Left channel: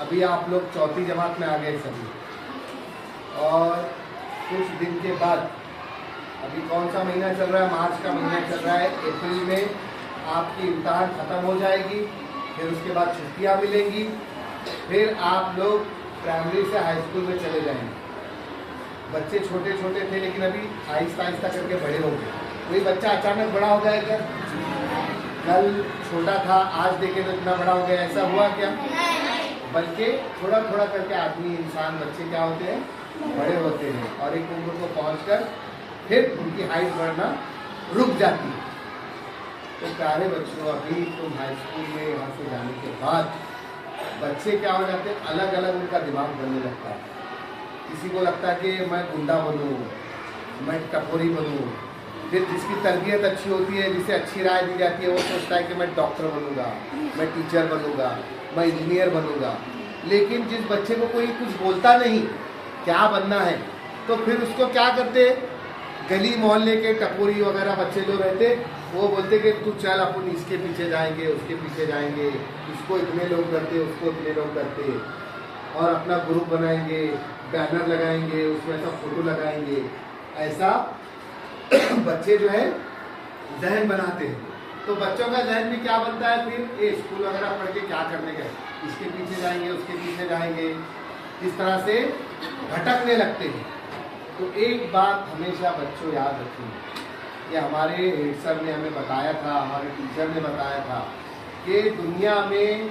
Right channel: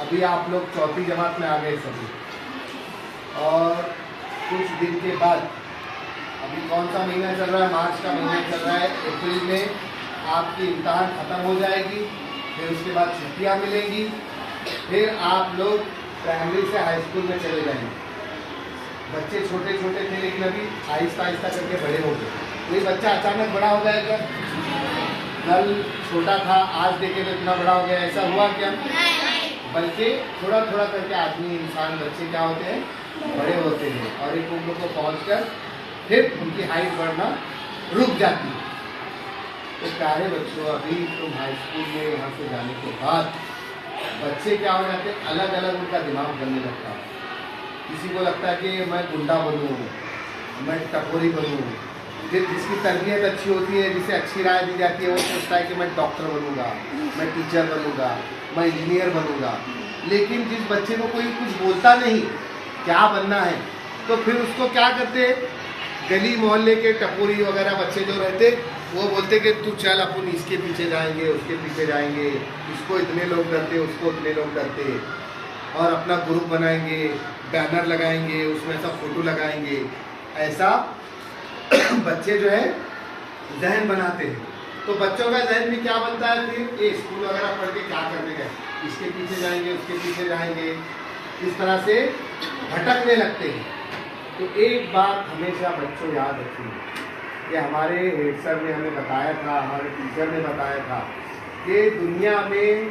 अभी आप लोग चौथी जमात में आ गए सभी, और कुछ दिन के बाद, अभी कौन सा महीना चल रहा है, मार्च का महीना चल रहा है, अप्रैल में आपकी इम्तहान ख़त्म हो जाएगी, फिर उसके बाद छुट्टियाँ मिलेंगी, फिर आप लोग प्राइमरी से हाई स्कूल में चले जाएंगे। बच्चे छोटे छोटे थे लेकिन अभी आहिस्ता आहिस्ता करके बड़े हो गए। कोई बच्चा अचानक बड़ा हो गया क्या? कल छोटा था, आज देखे तो इतना बड़ा हो गया, ऐसा हुआ क्या? बल्कि थोड़ा थोड़ा करके आदमी, इंसान, बच्चे क्या होते हैं, बड़े होते हैं, और एक उम्र को पहुंचकर फिर उनकी हाइट बढ़ना रुक जाती है। तो प्यारे बच्चों, अभी तुम हाई स्कूल में वहाँ से जाने के बाद बच्चे क्या हो जाते हैं, अलग अलग उनका दिमाग बनने लगता है। किसी को लगता है कि मैं गुंडा बनूँ, मैं टपोरी बनूँ। फिर जिसकी तरबियत अच्छी होती है, जिसे अच्छी राय दी जाती है, वो सोचता है कि मैं डॉक्टर बनूंगा, मैं टीचर बनूंगा, मैं इंजीनियर बनूंगा। लेकिन जिस बच्चे को कोई कुछ बोलता नहीं क्या बनना है, तो फिर उसको क्या करते, गली मोहल्ले के टपोरी वगैरह बच्चे जो रहते, वो बोलते कि तू चल, अपन इसके पीछे जाएंगे, उसके पीछे जाएंगे, इसको इतने लोग डरते, उसको इतने लोग डरते, और अपना ग्रुप बनाएंगे, बैनर लगाएंगे, उसमें ऐसा फोटो लगाएंगे। ऐसा बच्चे जो है जहन बनाते हैं। तो बच्चों का जहन में क्या बनता है, फिर ये स्कूल वगैरह पढ़ के क्या करने गए, इसके पीछे जाएंगे, उसके पीछे जाएंगे, इस तरह से भटकने लगते हैं। तो एक बात हमेशा बच्चों याद रखिए, कि हमारे हेड सर ने हमें बताया था, हमारे टीचर ने बताया था कि दुनिया में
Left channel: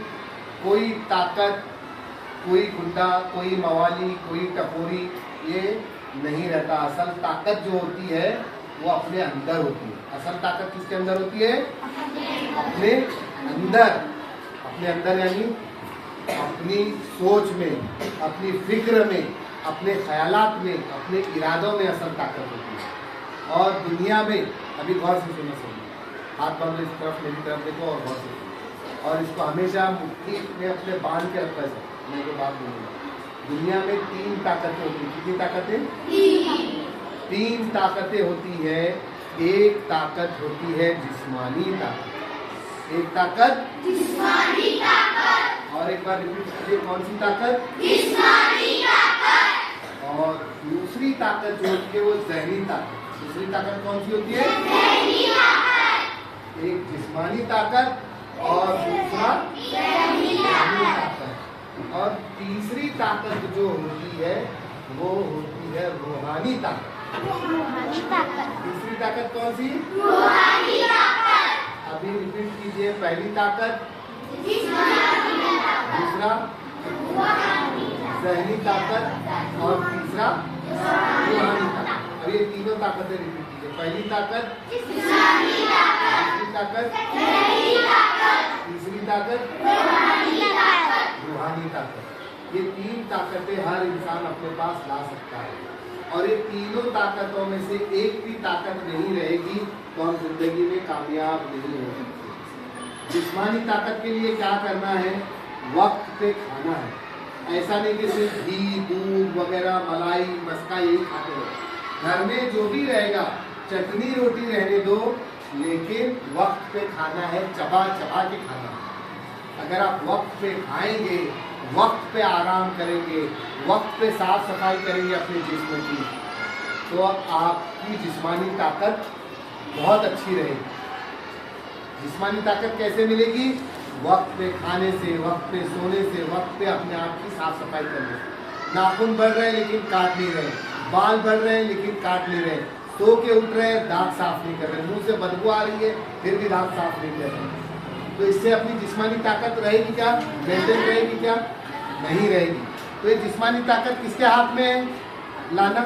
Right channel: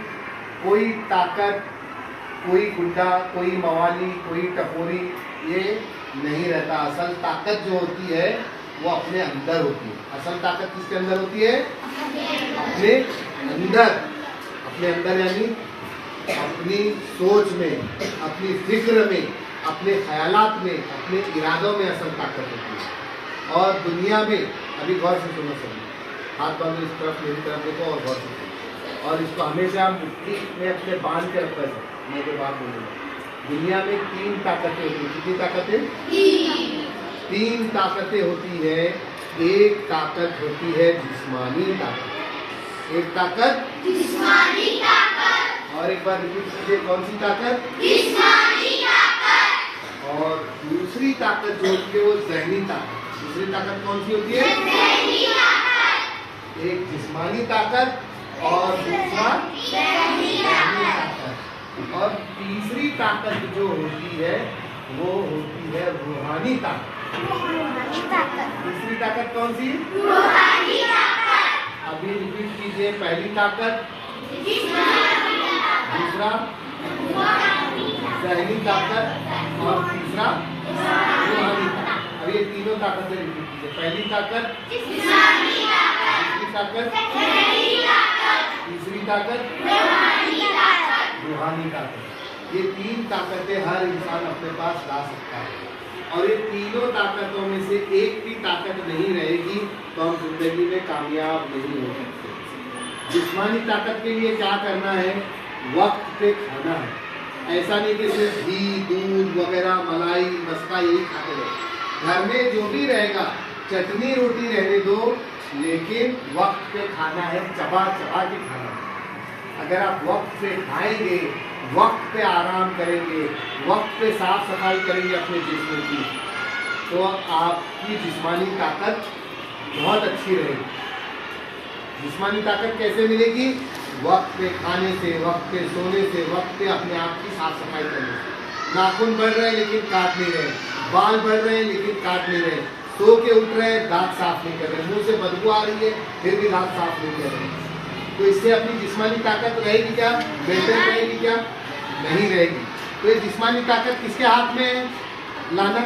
कोई ताकत, कोई गुंडा, कोई मवाली, कोई टपोरी ये नहीं रहता। असल ताकत जो होती है वो अपने अंदर होती है। असल ताकत किसके अंदर होती है? अपने अंदर। अपने अंदर यानी अपनी सोच में, अपनी फिक्र में, अपने ख्यालात में, अपने इरादों में असल ताकत होती है। और दुनिया में, अभी गौर से सुनो सभी, हाथ बांधो, इस तरफ मेरी तरफ देखो और गौर से सुनो, और इसको हमेशा मुट्ठी में अपने बांध के रखा है। मैं जो बात बोलूँगा, दुनिया में 3 ताकतें होती हैं। कितनी ताकतें? 3 ताकतें होती है। एक ताकत होती है जिस्मानी ताकत, एक ताकत जिस्मानी ताकत, और एक बार रिपीट कीजिए, कौन सी ताकत? जिस्मानी ताकत। और दूसरी ताकत जो होती है वो ज़हनी ताकत। दूसरी ताकत कौन सी होती है? ज़हनी ताकत। एक जिस्मानी ताकत और दूसरा ज़हनी ताकत। और तीसरी ताकत जो होती है वो होती है रूहानी ताकत। तीसरी ताकत कौन सी? रूहानी ताकत। अभी रिपीट कीजिए, पहली ताकत दूसरा ज़हनी ताकत और तीसरा रूहानी ताकत। अब ये तीनों ताकतें रिपीट कीजिए, पहली ताकत दूसरी ताकत तीसरी ताकत रूहानी ताकत। ये 3 ताकतें हर इंसान अपने पास ला सकता है, और ये तीनों ताकतों में से एक भी ताकत नहीं रहेगी तो हम जिंदगी में कामयाब नहीं हो सकते। जिस्मानी ताकत के लिए क्या करना है? वक्त पे खाना है। ऐसा नहीं कि सिर्फ घी, दूध वगैरह, मलाई, मस्का यही खाते रहे। घर में जो भी रहेगा, चटनी रोटी रहने दो, लेकिन वक्त पे खाना है, चबा चबा के खाना है। अगर आप वक्त पे खाएंगे, वक्त पे आराम करेंगे, वक्त पे साफ सफाई करेंगे अपने जिस्म की, तो आपकी जिस्मानी ताकत बहुत अच्छी रहेगी। जिस्मानी ताकत कैसे मिलेगी? वक्त पे खाने से, वक्त पे सोने से, वक्त पे अपने आप की साफ सफाई करने से। नाखून बढ़ रहे हैं लेकिन काट नहीं रहे, बाल बढ़ रहे हैं लेकिन काट नहीं रहे, सो के उठ रहे हैं, दांत साफ नहीं कर रहे, मुंह से बदबू आ रही है फिर भी दांत साफ नहीं कर रहे। तो इससे अपनी जिस्मानी ताकत रहेगी क्या? मेंटेन रहेगी क्या? नहीं रहेगी। तो ये जिस्मानी ताकत किसके हाथ में है लाना?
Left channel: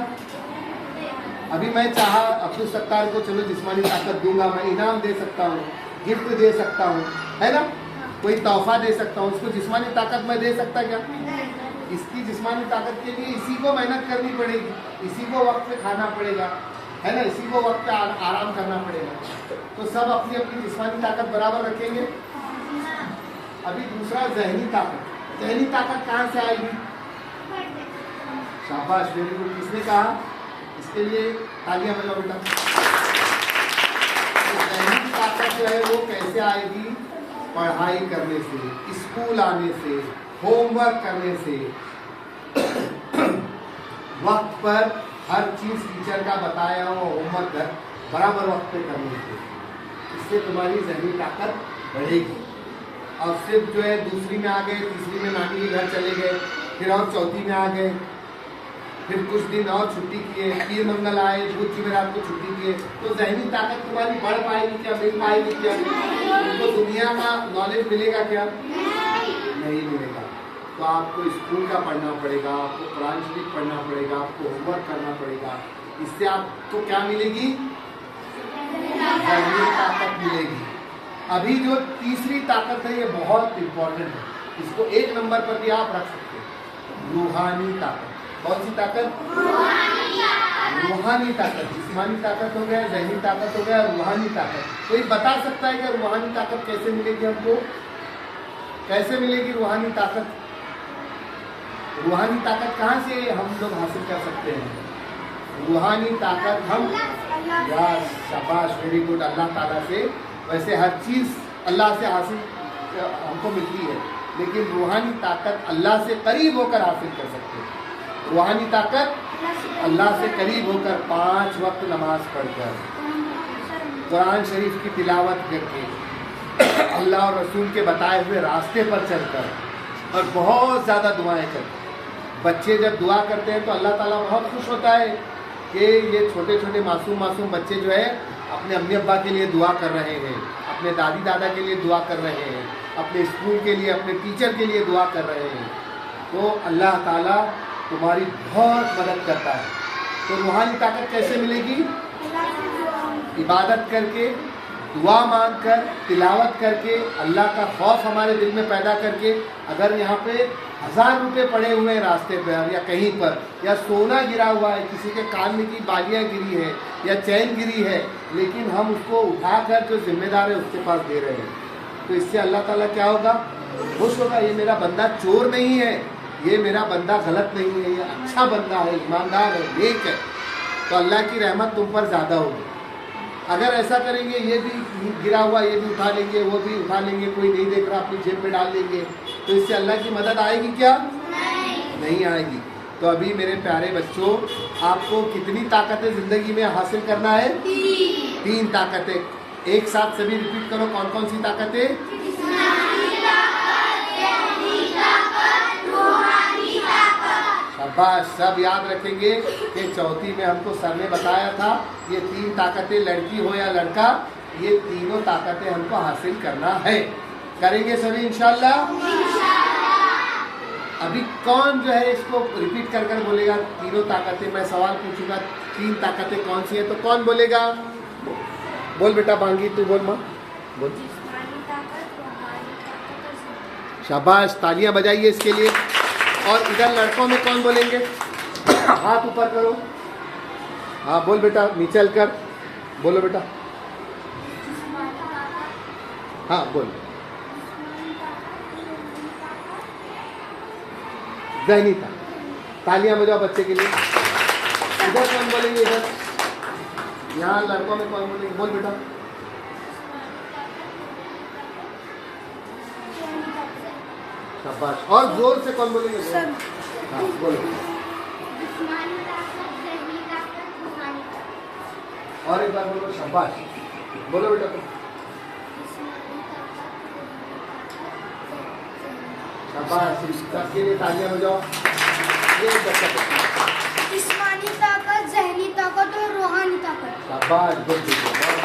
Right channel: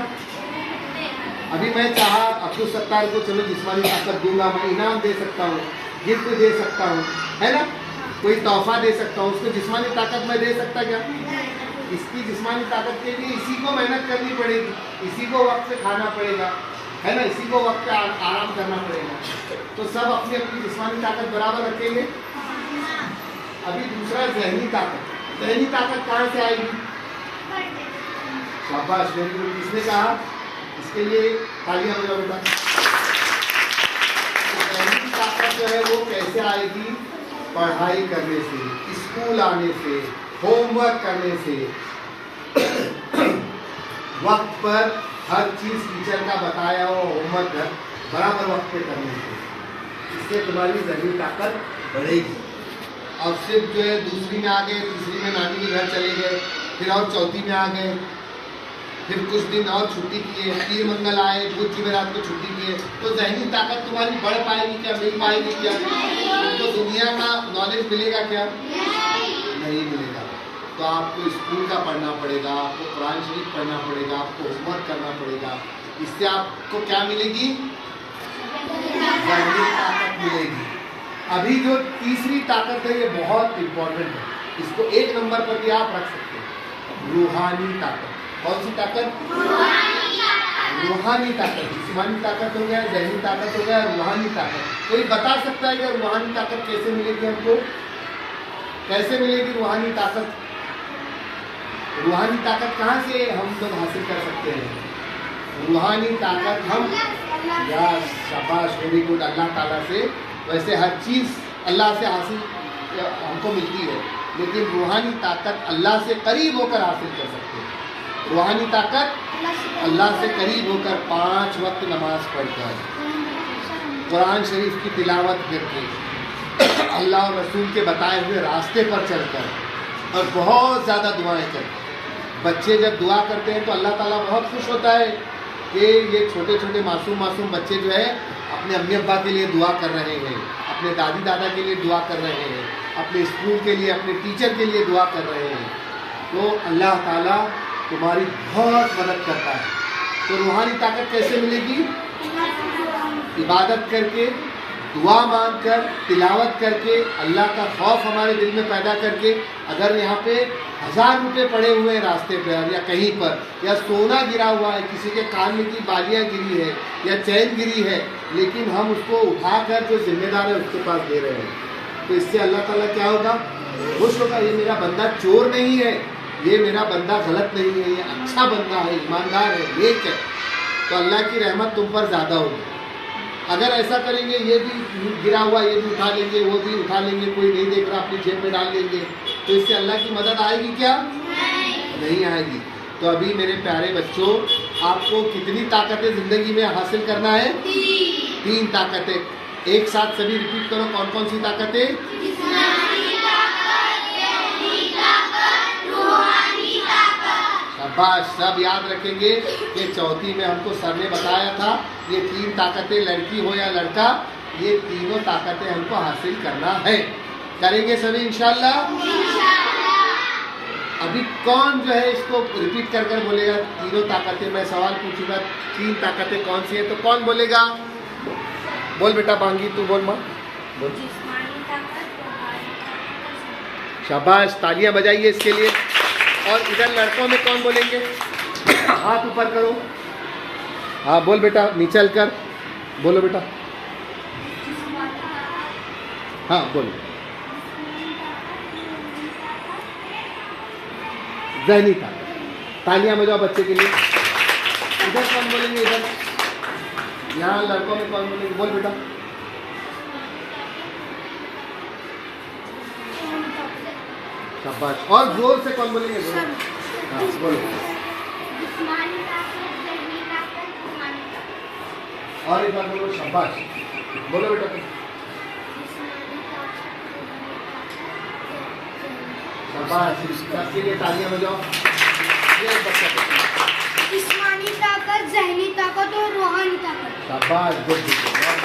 अभी मैं चाहा अब्दुल सत्तार को चलो जिस्मानी ताकत दूंगा, मैं इनाम दे सकता हूँ, गिफ्ट दे सकता हूँ, है ना, कोई तोहफा दे सकता हूँ, उसको जिस्मानी ताकत मैं दे सकता क्या? इसकी जिस्मानी ताकत के लिए इसी को मेहनत करनी पड़ेगी, इसी को वक्त पे खाना पड़ेगा, है ना, इसी को वक्त पे आराम करना पड़ेगा। तो सब अपनी अपनी जिस्मानी ताकत बराबर रखेंगे। अभी दूसरा ज़हनी ताकत। ज़हनी ताकत कहाँ से आएगी? शाबाश, वेरी गुड। किसने कहा? इसके लिए तालियां बजाओ बेटा। ज़हनी ताकत जो है वो कैसे आएगी? पढ़ाई करने से, स्कूल आने से, होमवर्क करने से, वक्त पर हर चीज टीचर का बताया हो होमवर्क बराबर वक्त पे करने से, इससे तुम्हारी ज़हनी ताकत बढ़ेगी। और सिर्फ जो है दूसरी में आ गए, तीसरी में नानी के घर चले गए, फिर और चौथी में आ गए, फिर कुछ दिन और छुट्टी किए, पीर मंगल आए, बुध जुमेरात को छुट्टी किए, तो ज़हनी ताकत तुम्हारी बढ़ पाएगी क्या? नहीं पाएगी क्या? तो दुनिया का नॉलेज मिलेगा क्या? नहीं मिलेगा। तो आपको स्कूल का पढ़ना पड़ेगा, आपको कुरान शरीफ पढ़ना पड़ेगा, आपको होमवर्क करना पड़ेगा। इससे आपको क्या मिलेगी? ज़हनी ताकत मिलेगी। अभी जो तीसरी ताकत है ये बहुत इम्पोर्टेंट है, इसको 1 नंबर पर भी आप रख सकते हैं, रूहानी ताकत। कौन सी ताकत? रूहानी ताकत। जिस्मानी ताकत हो गया, ज़हनी ताकत हो गया, रूहानी ताकत। कोई बता सकता है कि रूहानी ताकत कैसे मिलेगी हमको? कैसे मिलेगी रूहानी ताकत? रूहानी ताकत कहाँ से हम लोग हासिल कर सकते हैं? रूहानी ताकत हम या शाबाश, वेरी गुड, अल्लाह ताला से। वैसे हर चीज़ अल्लाह से हासिल हमको मिलती है, लेकिन रूहानी ताकत अल्लाह से करीब होकर हासिल कर सकते हैं। रूहानी ताकत अल्लाह से करीब होकर 5 वक्त नमाज पढ़कर, कुरान शरीफ की तिलावत करके, अल्लाह और रसूल के बताए हुए रास्ते पर चलकर, और बहुत ज़्यादा दुआएं करके। बच्चे जब दुआ करते हैं तो अल्लाह ताला बहुत खुश होता है कि ये छोटे छोटे मासूम बच्चे जो है अपने अम्मी अब्बा के लिए दुआ कर रहे हैं, अपने दादी दादा के लिए दुआ कर रहे हैं, अपने स्कूल के लिए, अपने टीचर के लिए दुआ कर रहे हैं। तो अल्लाह ताला तुम्हारी बहुत मदद करता है। तो रूहानी ताकत कैसे मिलेगी? इबादत करके, दुआ मांगकर, तिलावत करके, अल्लाह का खौफ हमारे दिल में पैदा करके। अगर यहाँ पे 1000 रुपये पड़े हुए हैं रास्ते पर या कहीं पर, या सोना गिरा हुआ है, किसी के कान में की बालियाँ गिरी है या चैन गिरी है, लेकिन हम उसको उठाकर जो जिम्मेदार है उसके पास दे रहे हैं, तो इससे अल्लाह ताला क्या होगा? खुश होगा। ये मेरा बंदा चोर नहीं है, ये मेरा बंदा गलत नहीं है, ये अच्छा बंदा है, ईमानदार है, नेक है। तो अल्लाह की रहमत तुम पर ज़्यादा होगी। अगर ऐसा करेंगे, ये भी गिरा हुआ ये भी उठा लेंगे, वो भी उठा लेंगे, कोई नहीं देख रहा अपनी जेब में डाल लेंगे, तो इससे अल्लाह की मदद आएगी क्या? नहीं आएगी। तो अभी मेरे प्यारे बच्चों, आपको कितनी ताकतें ज़िंदगी में हासिल करना है? 3 ताकतें। एक साथ सभी रिपीट करो, कौन कौन सी ताकतें? शाबाश, सब याद रखेंगे कि चौथी में हमको सर ने बताया था ये 3 ताकतें, लड़की हो या लड़का, ये तीनों ताकतें हमको हासिल करना है। करेंगे सभी इंशाल्लाह। अभी कौन जो है इसको रिपीट कर कर बोलेगा तीनों ताकतें? मैं सवाल पूछूंगा 3 ताकतें कौन सी है, तो कौन बोलेगा? बोल बेटा, बांगी तू बोल। माँ बोल। शाबाश, तालियां बजाइए इसके लिए। और इधर लड़कों में कौन बोलेंगे? हाथ ऊपर करो। हाँ बोल बेटा, नीचे कर बोलो बेटा। हाँ बोल। ज़हनी ताकत। तालियां बजाओ बच्चे के लिए। इधर कौन बोलेंगे? इधर यहाँ लड़कों में कौन बोलेंगे? बोल बेटा। शाबाश, और जोर से कौन बोलेंगे? हाँ बोलो। और एक बार बोलो, शाबाश बोलो बेटा। शाबाश, सबके लिए तालियां बजाओ। जिस्मानी ताकत, ज़हनी ताकत और रूहानी ताकत। शाबाश, गुड गुड।